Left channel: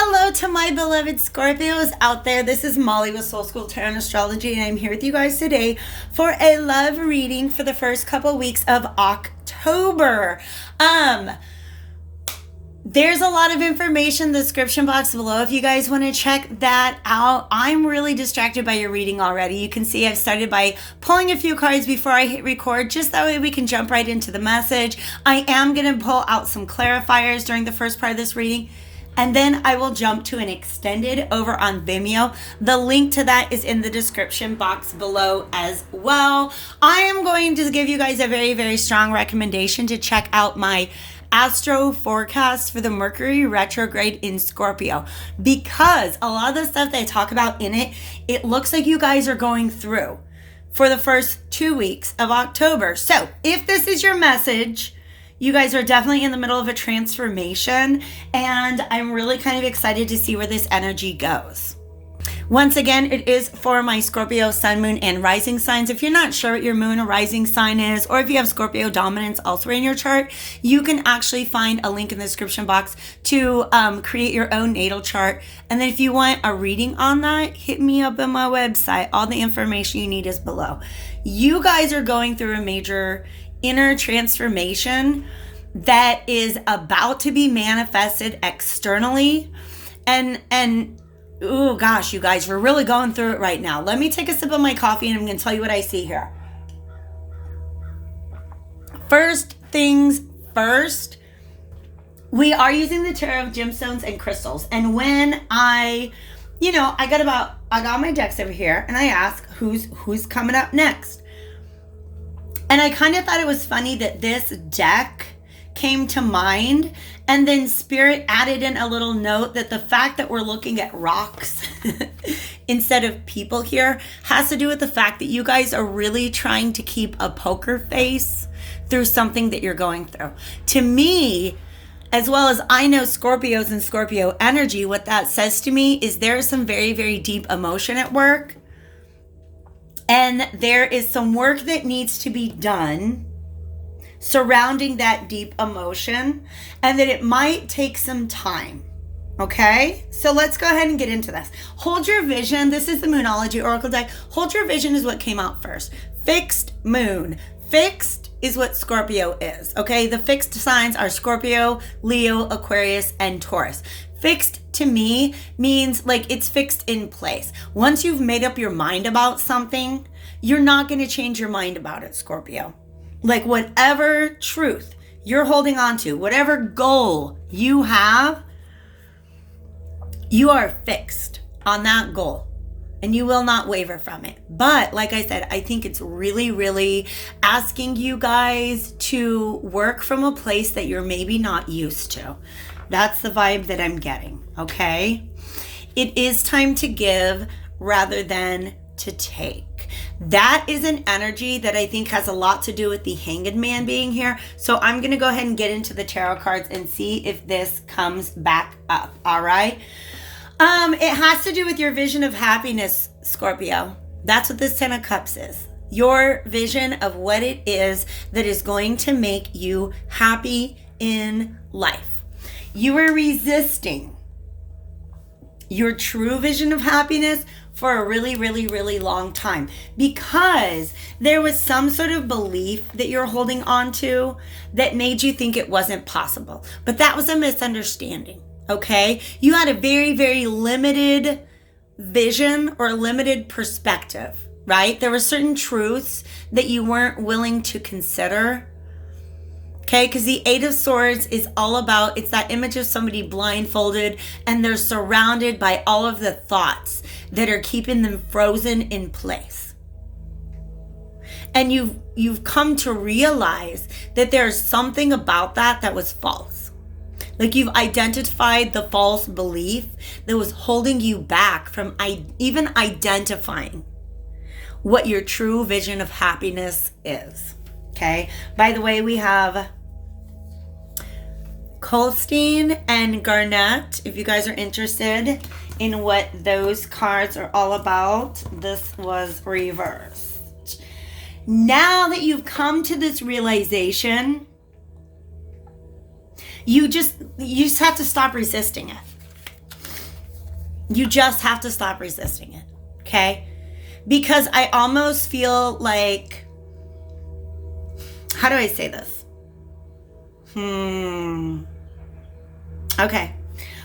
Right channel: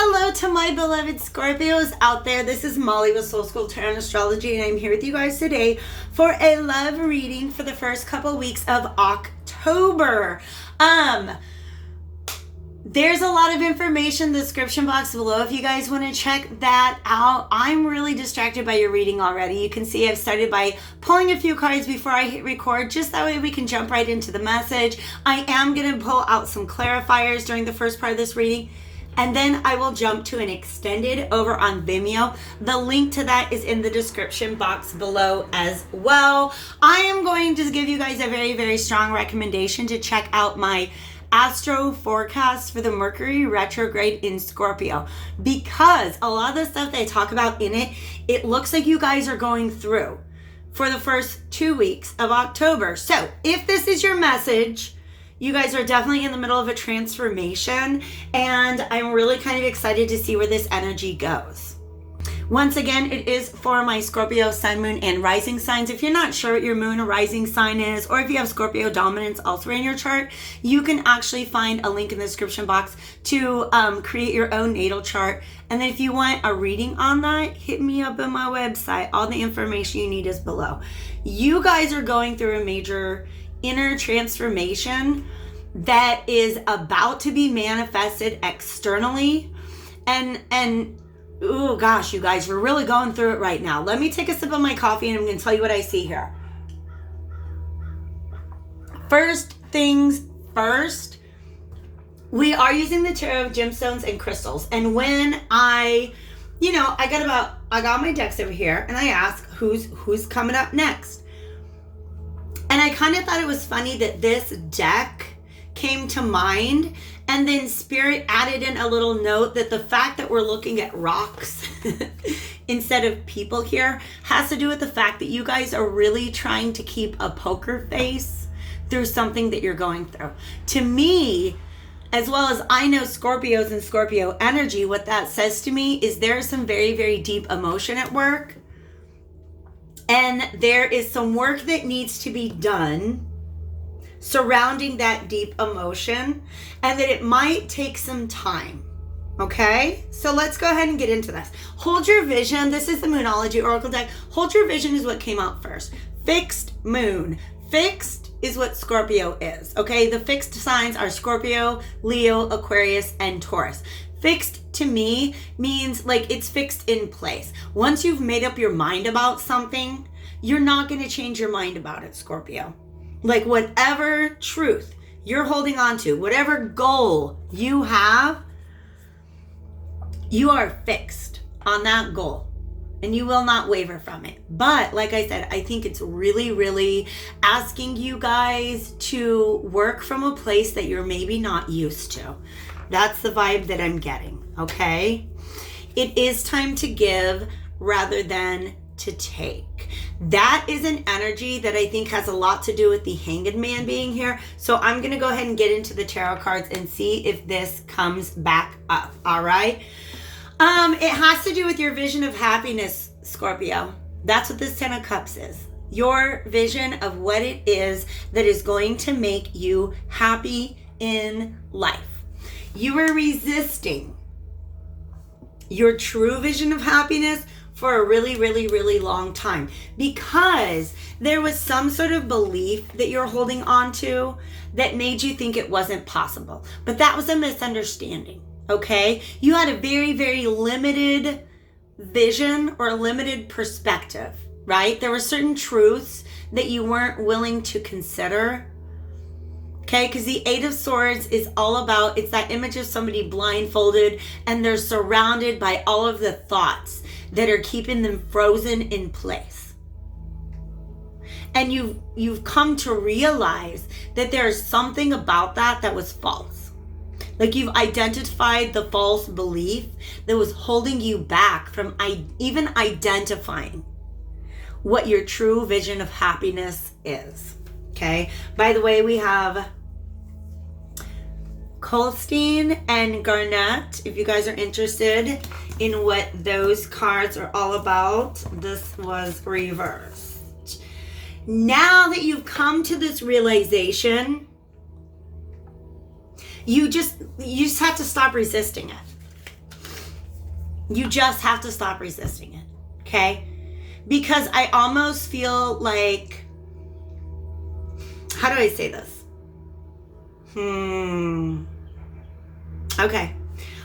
Hello to my beloved Scorpios out there. This is Molly with Soul School Tarot and Astrology, and I'm here with you guys today for a love reading for the first couple weeks of October. There's a lot of information in the description box below if you guys want to check that out. I'm really distracted by your reading already. You can see I've started by pulling a few cards before I hit record, just that way we can jump right into the message. I am going to pull out some clarifiers during the first part of this reading, and then I will jump to an extended over on Vimeo. The link to that is in the description box below as well. I am going to give you guys a very, very strong recommendation to check out my astro forecast for the Mercury retrograde in Scorpio, because a lot of the stuff that I talk about in it, it looks like you guys are going through for the first 2 weeks of October. So if this is your message, you guys are definitely in the middle of a transformation, and I'm really kind of excited to see where this energy goes. Once again, it is for my Scorpio sun, moon, and rising signs. If you're not sure what your moon or rising sign is, or if you have Scorpio dominance elsewhere in your chart, you can actually find a link in the description box to create your own natal chart. And then if you want a reading on that, hit me up on my website. All the information you need is below. You guys are going through a major inner transformation that is about to be manifested externally, and oh gosh, you guys, we're really going through it right now. Let me take a sip of my coffee and I'm going to tell you what I see here. First things first, we are using the tarot gemstones and crystals, and when I got my decks over here, and I ask who's coming up next. And I kind of thought it was funny that this deck came to mind, and then Spirit added in a little note that the fact that we're looking at rocks instead of people here has to do with the fact that you guys are really trying to keep a poker face through something that you're going through. To me, as well as I know Scorpios and Scorpio energy, what that says to me is there's some very, very deep emotion at work. And there is some work that needs to be done surrounding that deep emotion, and that it might take some time. Okay? So let's go ahead and get into this. Hold your vision. This is the Moonology Oracle deck. Hold your vision is what came out first. Fixed moon. Fixed is what Scorpio is. Okay? The fixed signs are Scorpio, Leo, Aquarius, and Taurus. Fixed to me means like it's fixed in place. Once you've made up your mind about something, you're not going to change your mind about it, Scorpio. Like whatever truth you're holding on to, whatever goal you have, you are fixed on that goal and you will not waver from it. But like I said, I think it's really, really asking you guys to work from a place that you're maybe not used to. That's the vibe that I'm getting, okay? It is time to give rather than to take. That is an energy that I think has a lot to do with the Hanged Man being here. So I'm going to go ahead and get into the tarot cards and see if this comes back up, all right? It has to do with your vision of happiness, Scorpio. That's what this Ten of Cups is. Your vision of what it is that is going to make you happy in life. You were resisting your true vision of happiness for a really, really, really long time because there was some sort of belief that you're holding on to that made you think it wasn't possible. But that was a misunderstanding, okay? You had a very, very limited vision or a limited perspective, right? There were certain truths that you weren't willing to consider. Okay, because the Eight of Swords is all about, it's that image of somebody blindfolded and they're surrounded by all of the thoughts that are keeping them frozen in place. And you've come to realize that there's something about that was false. Like you've identified the false belief that was holding you back from even identifying what your true vision of happiness is. Okay, by the way, we have Colstein and Garnett. If you guys are interested in what those cards are all about, this was reversed. Now that you've come to this realization, you just have to stop resisting it. You just have to stop resisting it, okay? Because I almost feel like, how do I say this? Okay.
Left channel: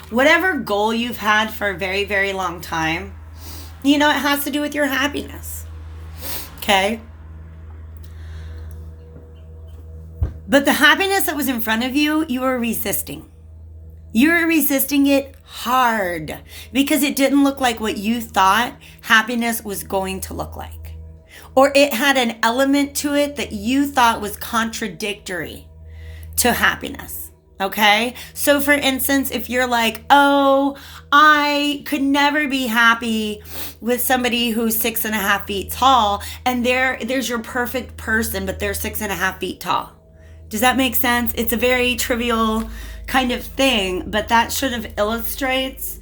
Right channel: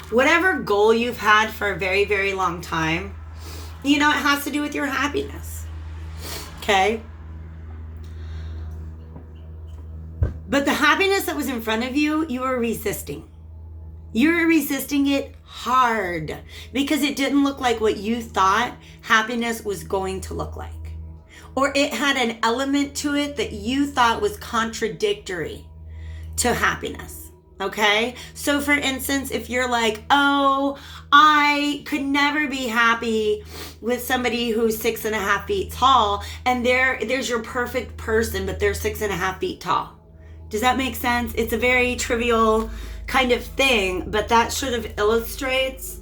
Whatever goal you've had for a very, very long time, it has to do with your happiness, okay? But the happiness that was in front of you, you were resisting. You were resisting it hard because it didn't look like what you thought happiness was going to look like. Or it had an element to it that you thought was contradictory to happiness. Okay? So for instance, if you're like, oh, I could never be happy with somebody who's 6.5 feet tall, and there's your perfect person, but they're 6.5 feet tall. Does that make sense? It's a very trivial kind of thing, but that sort of illustrates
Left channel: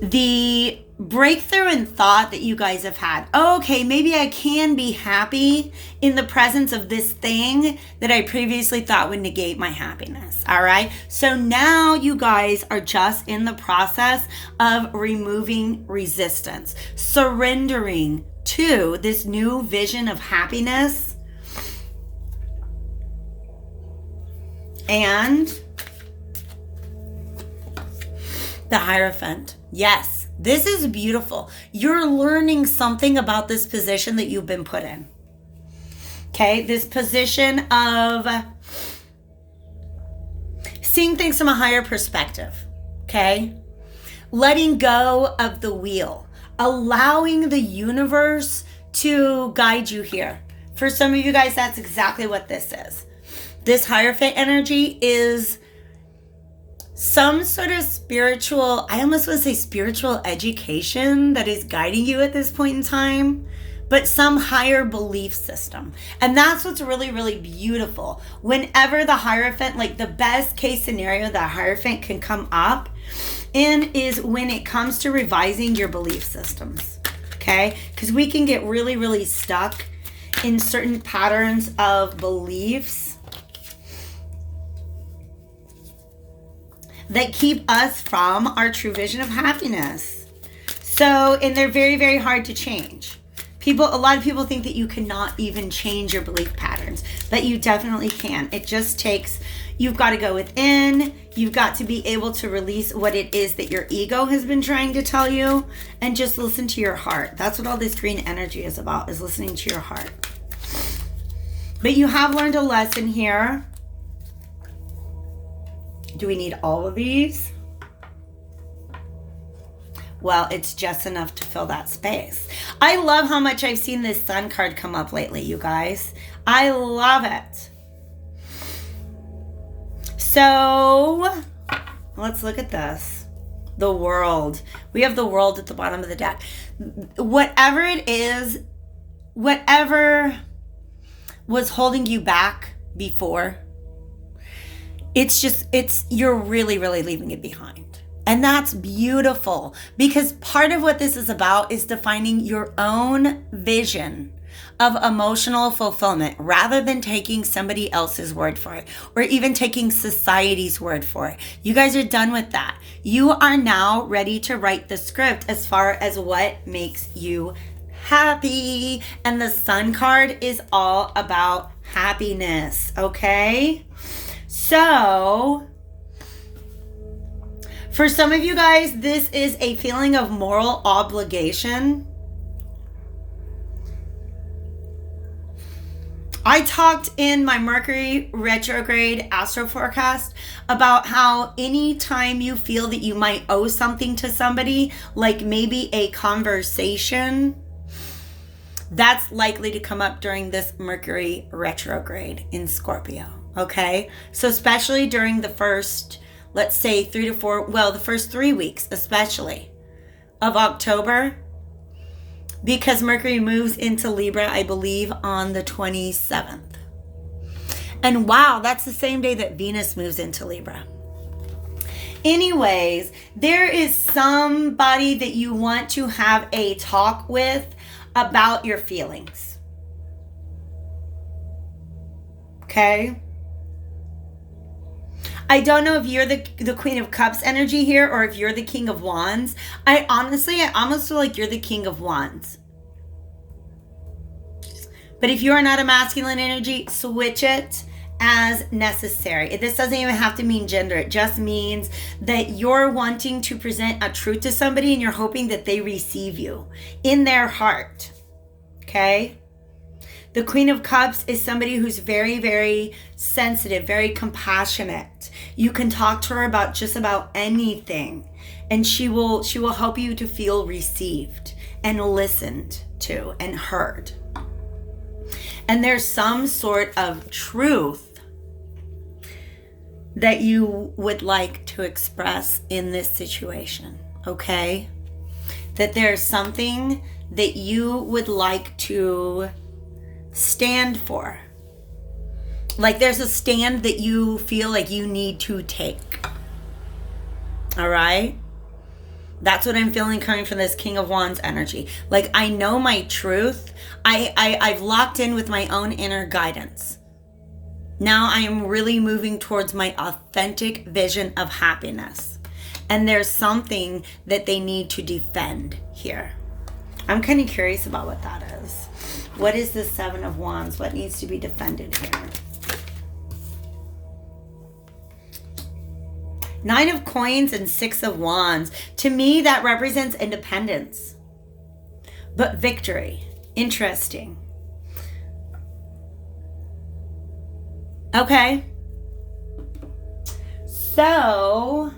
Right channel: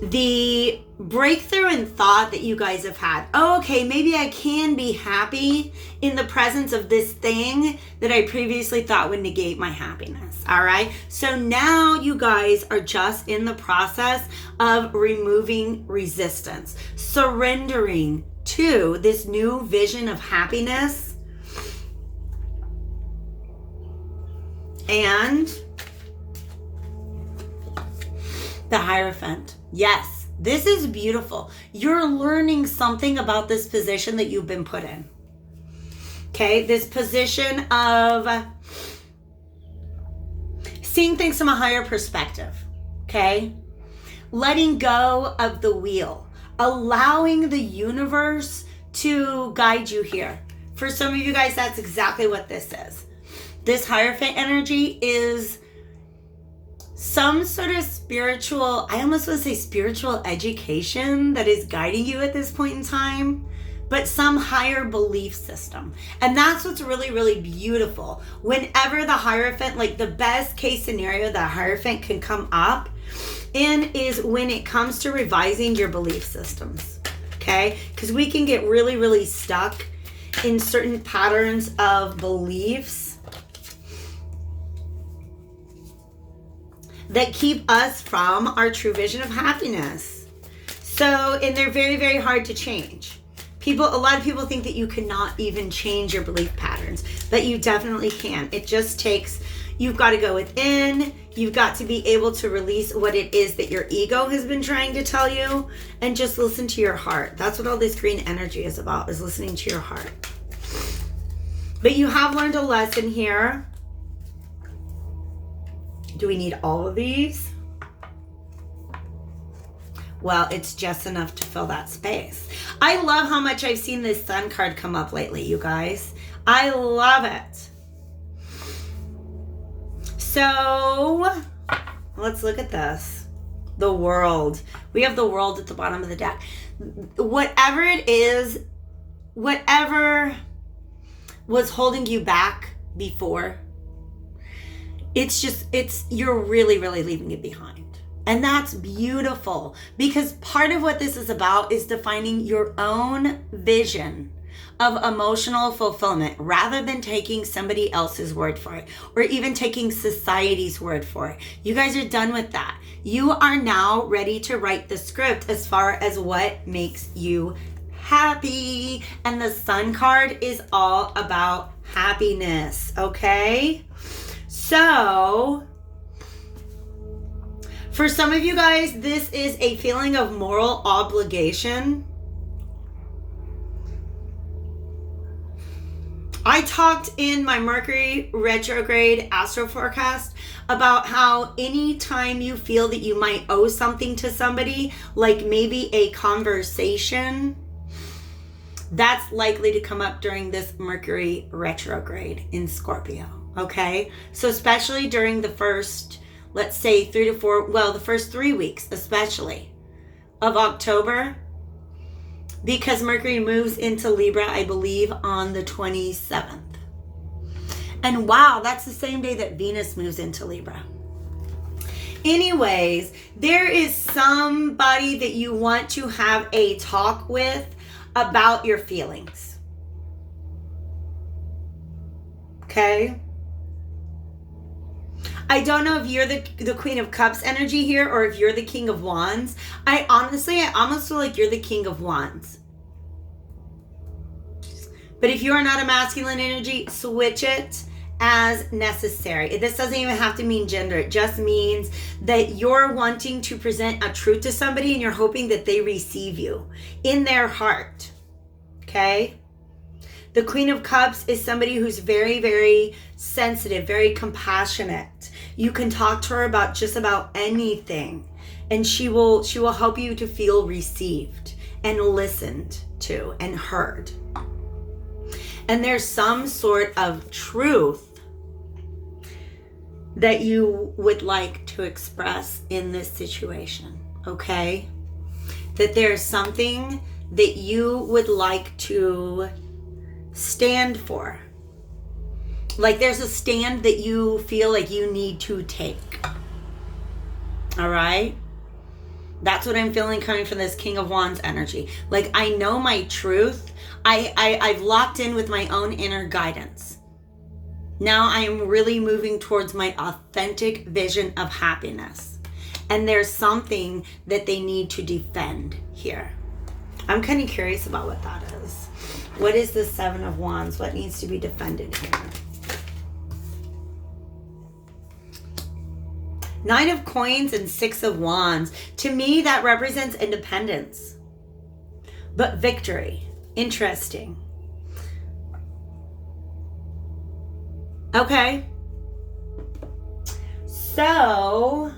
the breakthrough in thought that you guys have had. Oh, okay, maybe I can be happy in the presence of this thing that I previously thought would negate my happiness. All right. So now you guys are just in the process of removing resistance, surrendering to this new vision of happiness. And the Hierophant. Yes, this is beautiful. You're learning something about this position that you've been put in. Okay, this position of seeing things from a higher perspective. Okay, letting go of the wheel, allowing the universe to guide you here. For some of you guys, that's exactly what this is. This Hierophant energy is some sort of spiritual, I almost want to say spiritual education that is guiding you at this point in time, but some higher belief system. And that's what's really, really beautiful. Whenever the Hierophant, like the best case scenario that Hierophant can come up in is when it comes to revising your belief systems, okay? Because we can get really, really stuck in certain patterns of beliefs that keep us from our true vision of happiness. So, and they're very, very hard to change. A lot of people think that you cannot even change your belief patterns, but you definitely can. It just takes, you've got to go within, you've got to be able to release what it is that your ego has been trying to tell you, and just listen to your heart. That's what all this green energy is about, is listening to your heart. But you have learned a lesson here. Do we need all of these? Well, it's just enough to fill that space. I love how much I've seen this Sun card come up lately, you guys. I love it. So, let's look at this. The World. We have the World at the bottom of the deck. Whatever it is, whatever was holding you back before, you're really, really leaving it behind. And that's beautiful, because part of what this is about is defining your own vision of emotional fulfillment rather than taking somebody else's word for it, or even taking society's word for it. You guys are done with that. You are now ready to write the script as far as what makes you happy. And the Sun card is all about happiness, okay? So, for some of you guys, this is a feeling of moral obligation. I talked in my Mercury retrograde astro forecast about how anytime you feel that you might owe something to somebody, like maybe a conversation, that's likely to come up during this Mercury retrograde in Scorpio. Okay, so especially during the first, let's say the first 3 weeks, especially of October, because Mercury moves into Libra, I believe, on the 27th. And wow, that's the same day that Venus moves into Libra. Anyways, there is somebody that you want to have a talk with about your feelings. Okay? I don't know if you're the Queen of Cups energy here or if you're the King of Wands. I almost feel like you're the King of Wands. But if you are not a masculine energy, switch it as necessary. This doesn't even have to mean gender. It just means that you're wanting to present a truth to somebody and you're hoping that they receive you in their heart. Okay? The Queen of Cups is somebody who's very, very sensitive, very compassionate. You can talk to her about just about anything, and she will help you to feel received and listened to and heard. And there's some sort of truth that you would like to express in this situation, okay? That there's something that you would like to stand for. Like there's a stand that you feel like you need to take. All right? That's what I'm feeling coming from this King of Wands energy. Like I know my truth. I've locked in with my own inner guidance. Now I am really moving towards my authentic vision of happiness. And there's something that they need to defend here. I'm kind of curious about what that is. What is the Seven of Wands? What needs to be defended here? Nine of Coins and Six of Wands. To me, that represents independence. But victory. Interesting. Okay. So,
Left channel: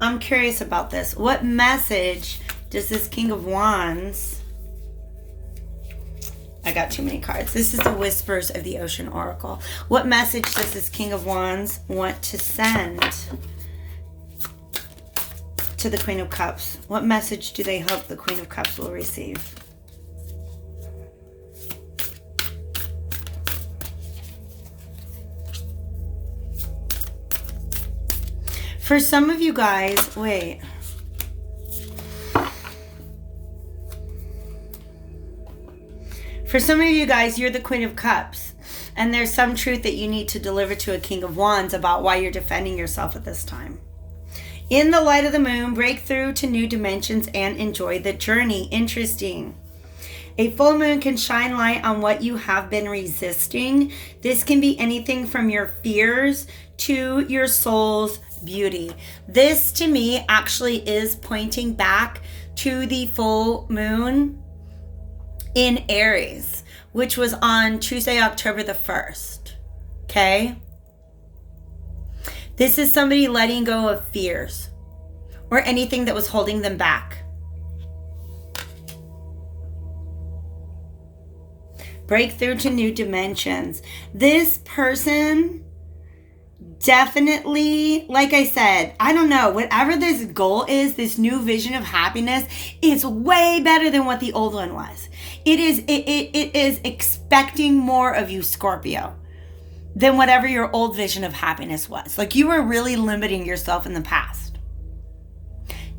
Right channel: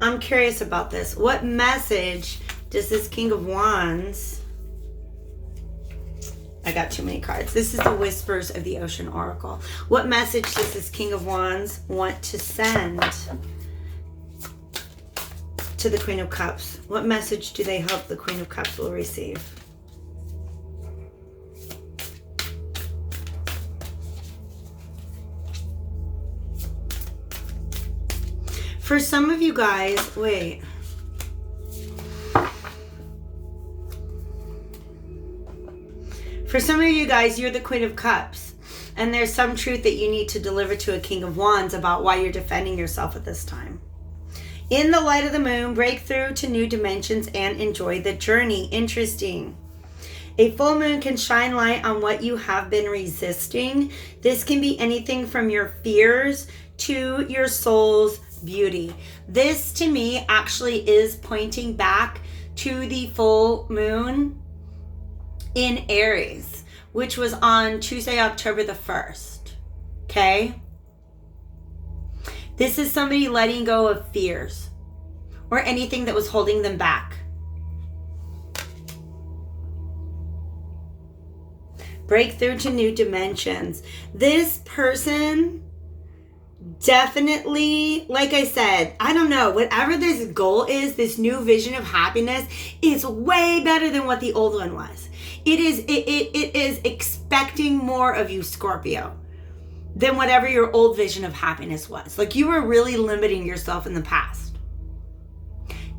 I'm curious about this. What message does this King of Wands... I got too many cards. This is the Whispers of the Ocean Oracle. What message does this King of Wands want to send to the Queen of Cups? What message do they hope the Queen of Cups will receive? For some of you guys, wait. For some of you guys, you're the Queen of Cups. And there's some truth that you need to deliver to a King of Wands about why you're defending yourself at this time. In the light of the moon, break through to new dimensions and enjoy the journey. Interesting. A full moon can shine light on what you have been resisting. This can be anything from your fears to your soul's beauty. This to me actually is pointing back to the full moon in Aries, which was on Tuesday, October the 1st. Okay? This is somebody letting go of fears or anything that was holding them back. Break through to new dimensions. This person definitely, like I said, I don't know, whatever this goal is, this new vision of happiness is way better than what the old one was. It is expecting more of you, Scorpio, than whatever your old vision of happiness was. Like you were really limiting yourself in the past.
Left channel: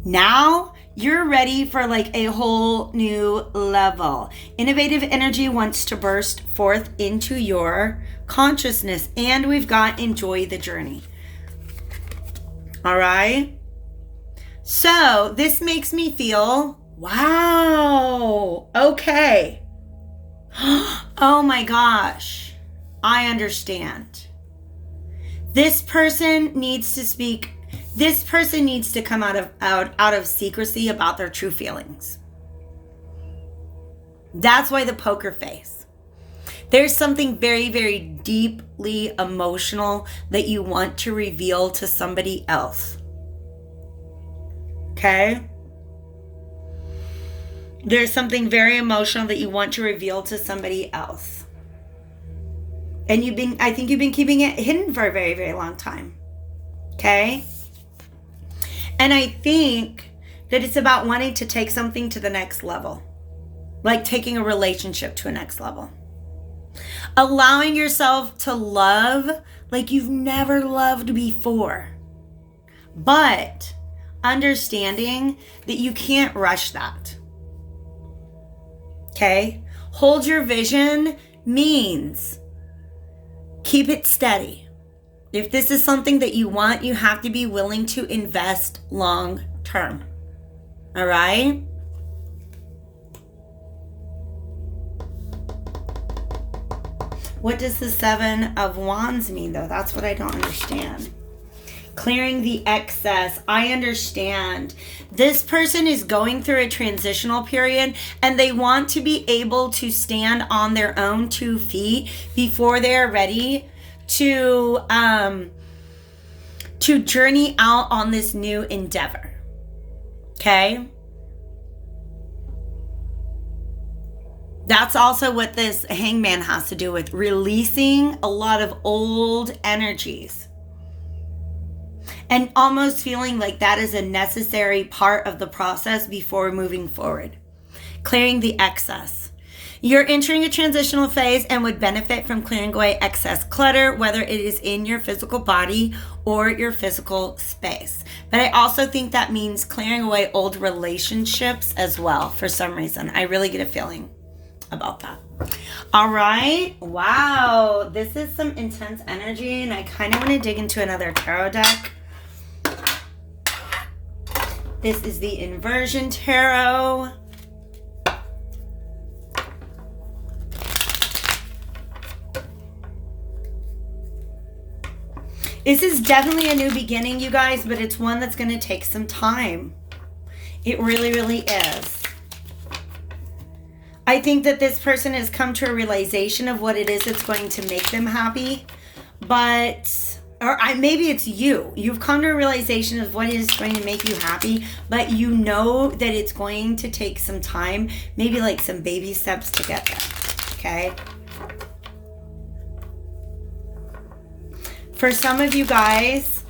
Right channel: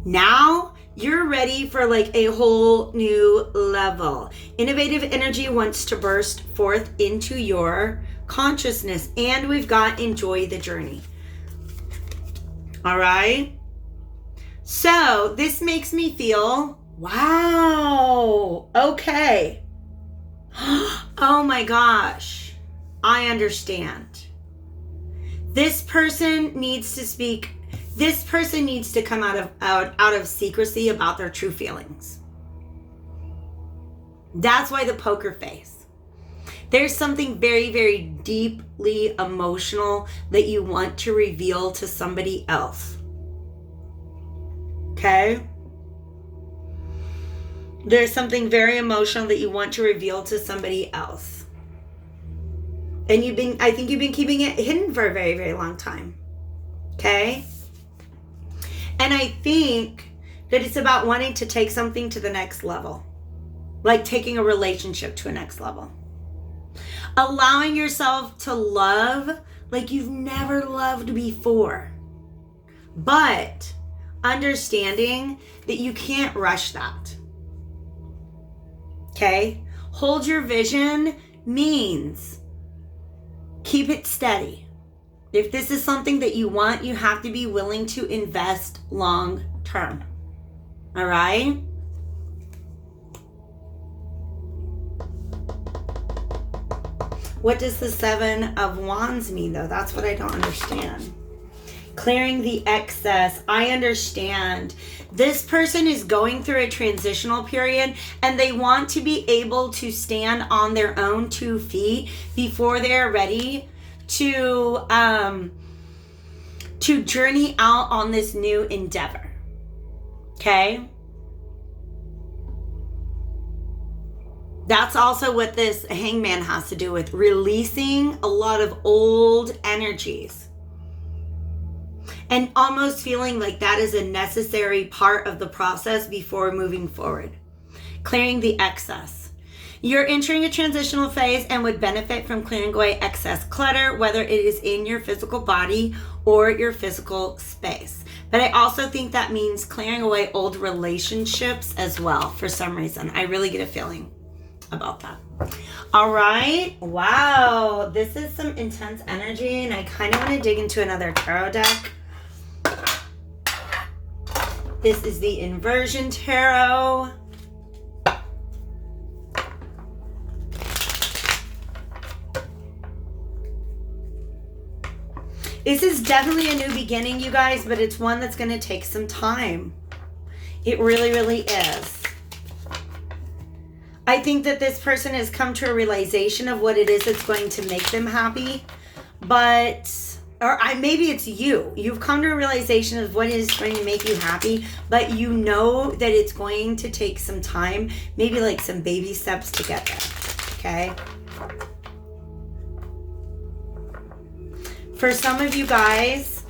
Now you're ready for like a whole new level. Innovative energy wants to burst forth into your consciousness, and we've got enjoy the journey. All right. So this makes me feel, wow, okay. Oh my gosh, I understand. This person needs to speak. This person needs to come out of secrecy about their true feelings. That's why the poker face. There's something very, very deeply emotional that you want to reveal to somebody else. Okay? There's something very emotional that you want to reveal to somebody else. And I think you've been keeping it hidden for a very, very long time. Okay? And I think that it's about wanting to take something to the next level. Like taking a relationship to a next level. Allowing yourself to love like you've never loved before. But understanding that you can't rush that. Okay? Hold your vision means keep it steady. If this is something that you want, you have to be willing to invest long term. All right? What does the Seven of Wands mean, though? That's what I don't understand. Clearing the excess. I understand. This person is going through a transitional period and they want to be able to stand on their own 2 feet before they're ready to journey out on this new endeavor. Okay? That's also what this Hangman has to do with, releasing a lot of old energies. And almost feeling like that is a necessary part of the process before moving forward. Clearing the excess. You're entering a transitional phase and would benefit from clearing away excess clutter, whether it is in your physical body or your physical space. But I also think that means clearing away old relationships as well, for some reason. I really get a feeling about that. All right. Wow. This is some intense energy, and I kind of want to dig into another tarot deck. This is the Inversion Tarot. This is definitely a new beginning, you guys, but it's one that's going to take some time. It really, really is. I think that this person has come to a realization of what it is that's going to make them happy, maybe it's you. You've come to a realization of what is going to make you happy, but you know that it's going to take some time, maybe like some baby steps to get there, okay? For some of you guys,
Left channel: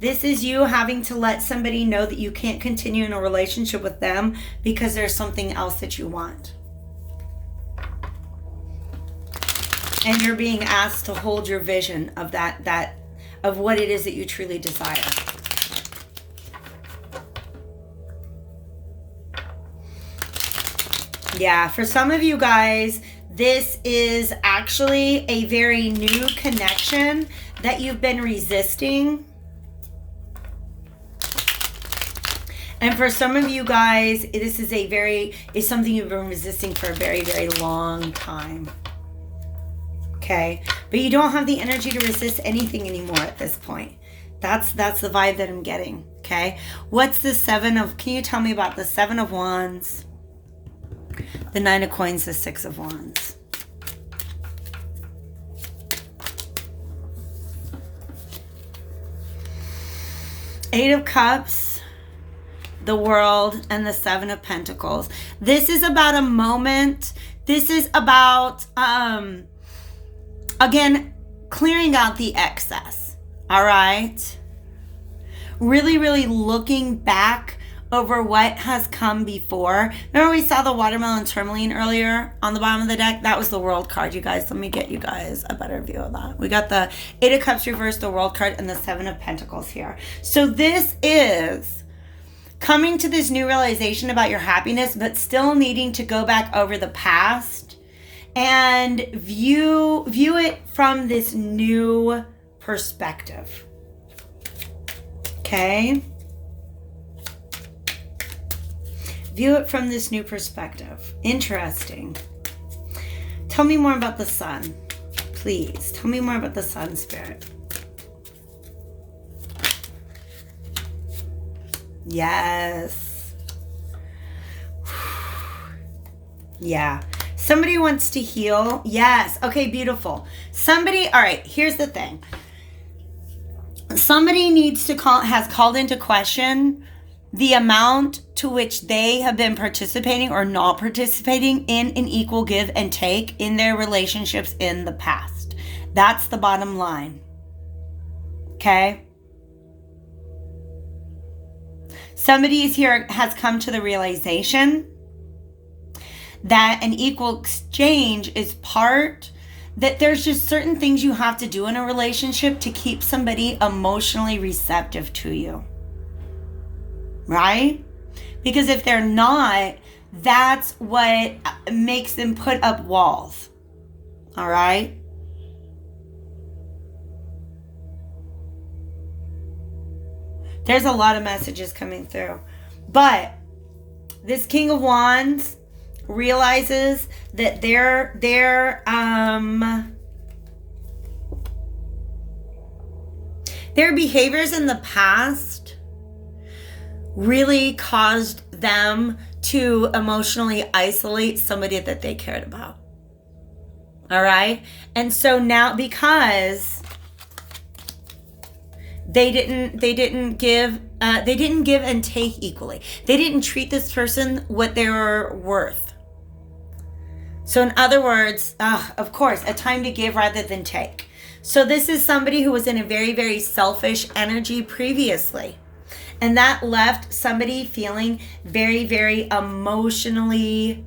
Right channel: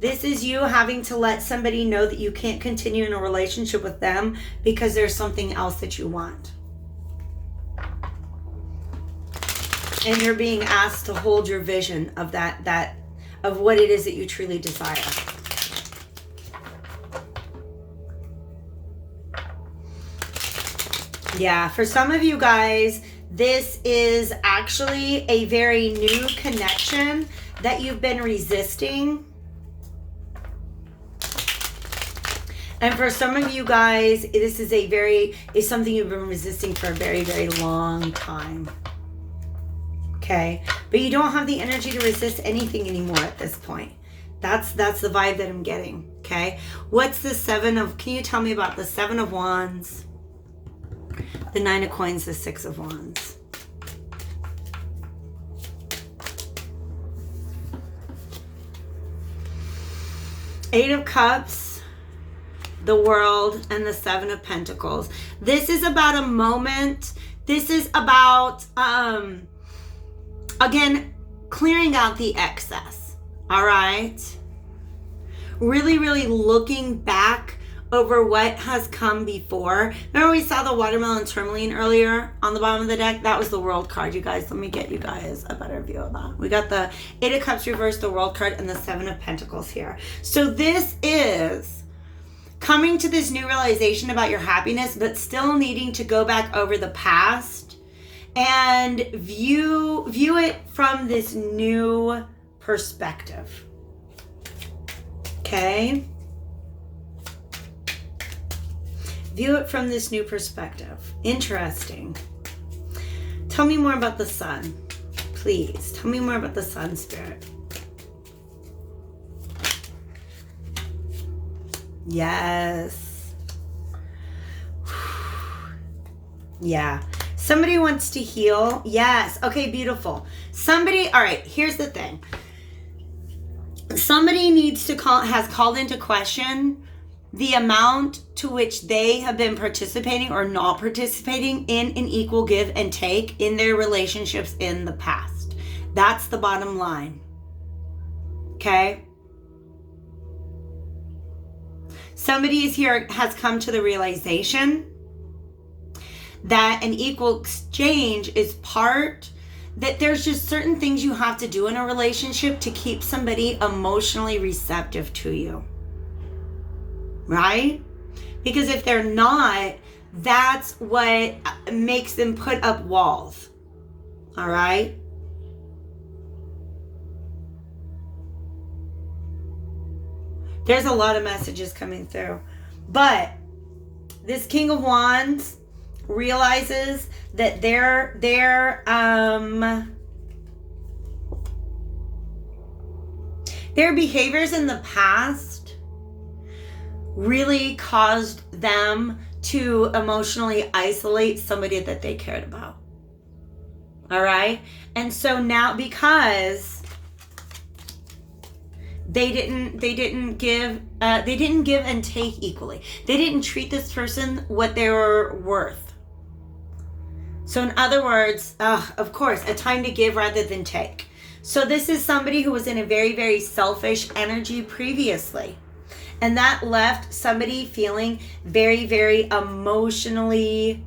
this is you having to let somebody know that you can't continue in a relationship with them because there's something else that you want. And you're being asked to hold your vision of of what it is that you truly desire. Yeah, for some of you guys, this is actually a very new connection that you've been resisting. And for some of you guys, this is something you've been resisting for a very, very long time. Okay, but you don't have the energy to resist anything anymore at this point. That's the vibe that I'm getting. Okay, what's the can you tell me about the Seven of Wands, the Nine of Coins, the Six of Wands? Eight of Cups, the World, and the Seven of Pentacles. This is about a moment. This is about again, clearing out the excess, all right? Really, really looking back over what has come before. Remember we saw the watermelon tourmaline earlier on the bottom of the deck? That was the World card, you guys. Let me get you guys a better view of that. We got the Eight of Cups reversed, the World card, and the Seven of Pentacles here. So this is coming to this new realization about your happiness, but still needing to go back over the past and view it from this new perspective. Okay? View it from this new perspective. Interesting. Tell me more about the sun. Please, tell me more about the sun, Spirit. Yes. Yeah. Somebody wants to heal. Yes. Okay, beautiful. All right, here's the thing. Somebody has called into question the amount to which they have been participating or not participating in an equal give and take in their relationships in the past. That's the bottom line. Okay? Somebody has come to the realization that an equal exchange is that there's just certain things you have to do in a relationship to keep somebody emotionally receptive to you. Right? Because if they're not, that's what makes them put up walls. All right? There's a lot of messages coming through. But this King of Wands realizes that their behaviors in the past really caused them to emotionally isolate somebody that they cared about. All right? And so now, because they didn't give and take equally. They didn't treat this person what they were worth. So in other words, of course, a time to give rather than take. So this is somebody who was in a very, very selfish energy previously. And that left somebody feeling very, very emotionally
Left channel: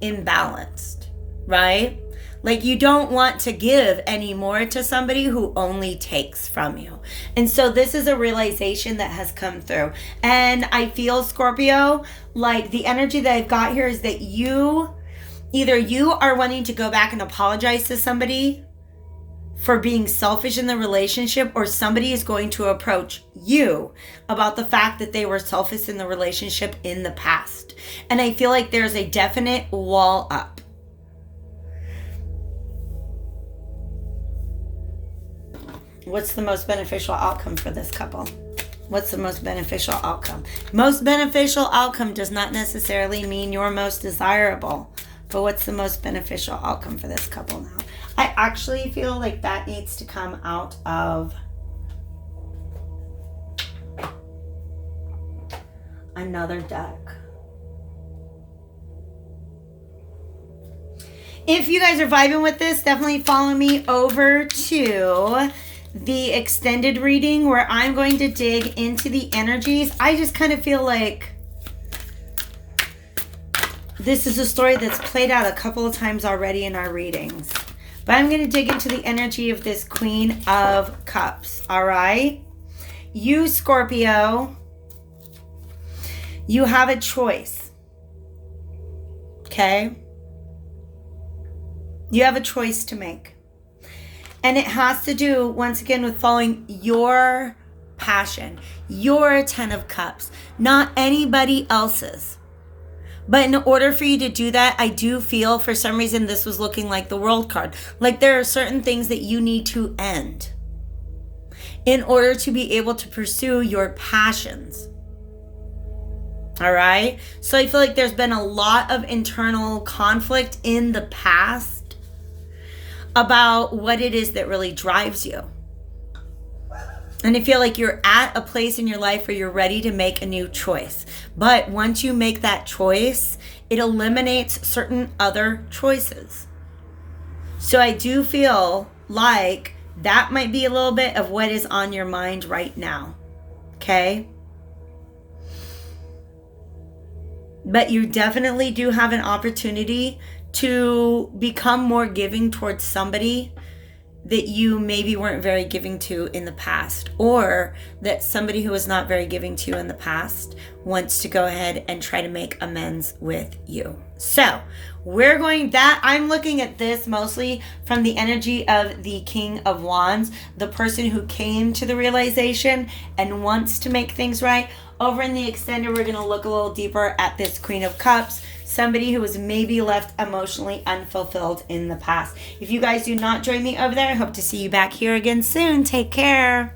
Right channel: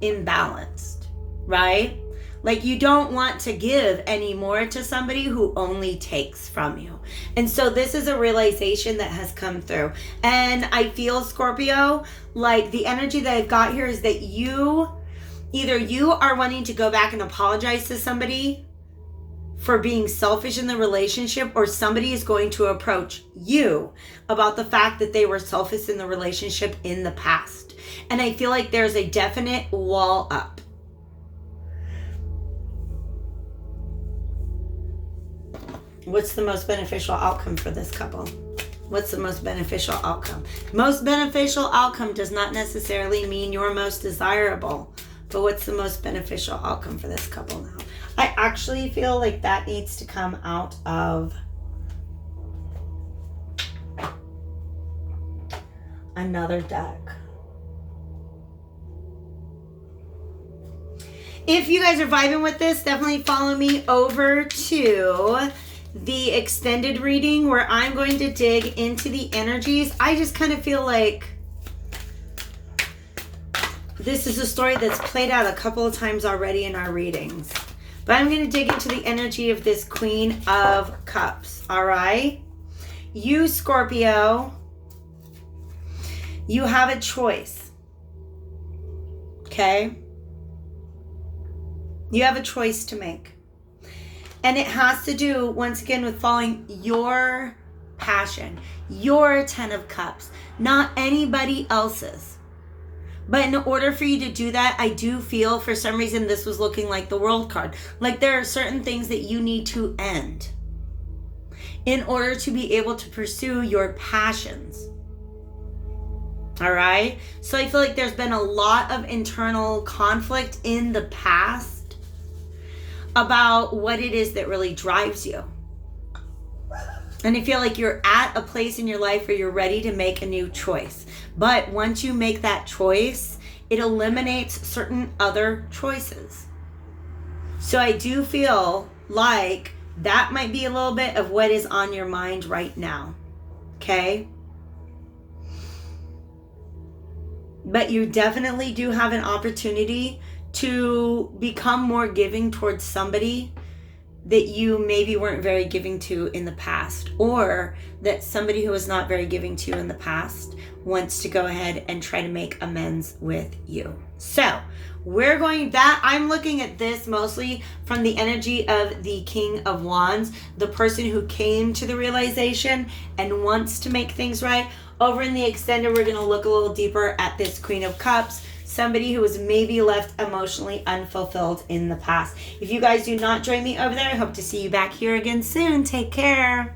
imbalanced, right? Like you don't want to give anymore to somebody who only takes from you. And so this is a realization that has come through. And I feel, Scorpio, like the energy that I've got here is that either you are wanting to go back and apologize to somebody for being selfish in the relationship, or somebody is going to approach you about the fact that they were selfish in the relationship in the past. And I feel like there's a definite wall up. What's the most beneficial outcome for this couple? What's the most beneficial outcome? Most beneficial outcome does not necessarily mean your most desirable. But what's the most beneficial outcome for this couple now? I actually feel like that needs to come out of another deck. If you guys are vibing with this, definitely follow me over to the extended reading where I'm going to dig into the energies. I just kind of feel like this is a story that's played out a couple of times already in our readings. But I'm going to dig into the energy of this Queen of Cups, all right? You, Scorpio, you have a choice, okay? You have a choice to make. And it has to do, once again, with following your passion, your 10 of Cups, not anybody else's. But in order for you to do that, I do feel for some reason this was looking like the World card. Like there are certain things that you need to end in order to be able to pursue your passions. All right? So I feel like there's been a lot of internal conflict in the past about what it is that really drives you. And I feel like you're at a place in your life where you're ready to make a new choice. But once you make that choice, it eliminates certain other choices. So I do feel like that might be a little bit of what is on your mind right now. Okay? But you definitely do have an opportunity to become more giving towards somebody that you maybe weren't very giving to in the past, or that somebody who was not very giving to you in the past wants to go ahead and try to make amends with you. So I'm looking at this mostly from the energy of the King of Wands, the person who came to the realization and wants to make things right. Over in the extended, we're going to look a little deeper at this Queen of Cups, somebody who was maybe left emotionally unfulfilled in the past. If you guys do not join me over there, I hope to see you back here again soon. Take care.